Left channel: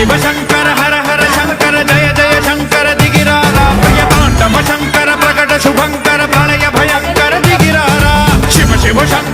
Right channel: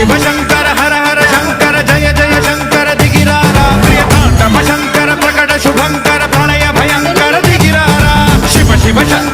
शिव शंकर हर हर शंकर जय जय शंकर दिगिरारा प्रिय तांडव शंकर प्रकट शुभंकर प्रलय भयंकर दिगिरारा शिव शिव शंकर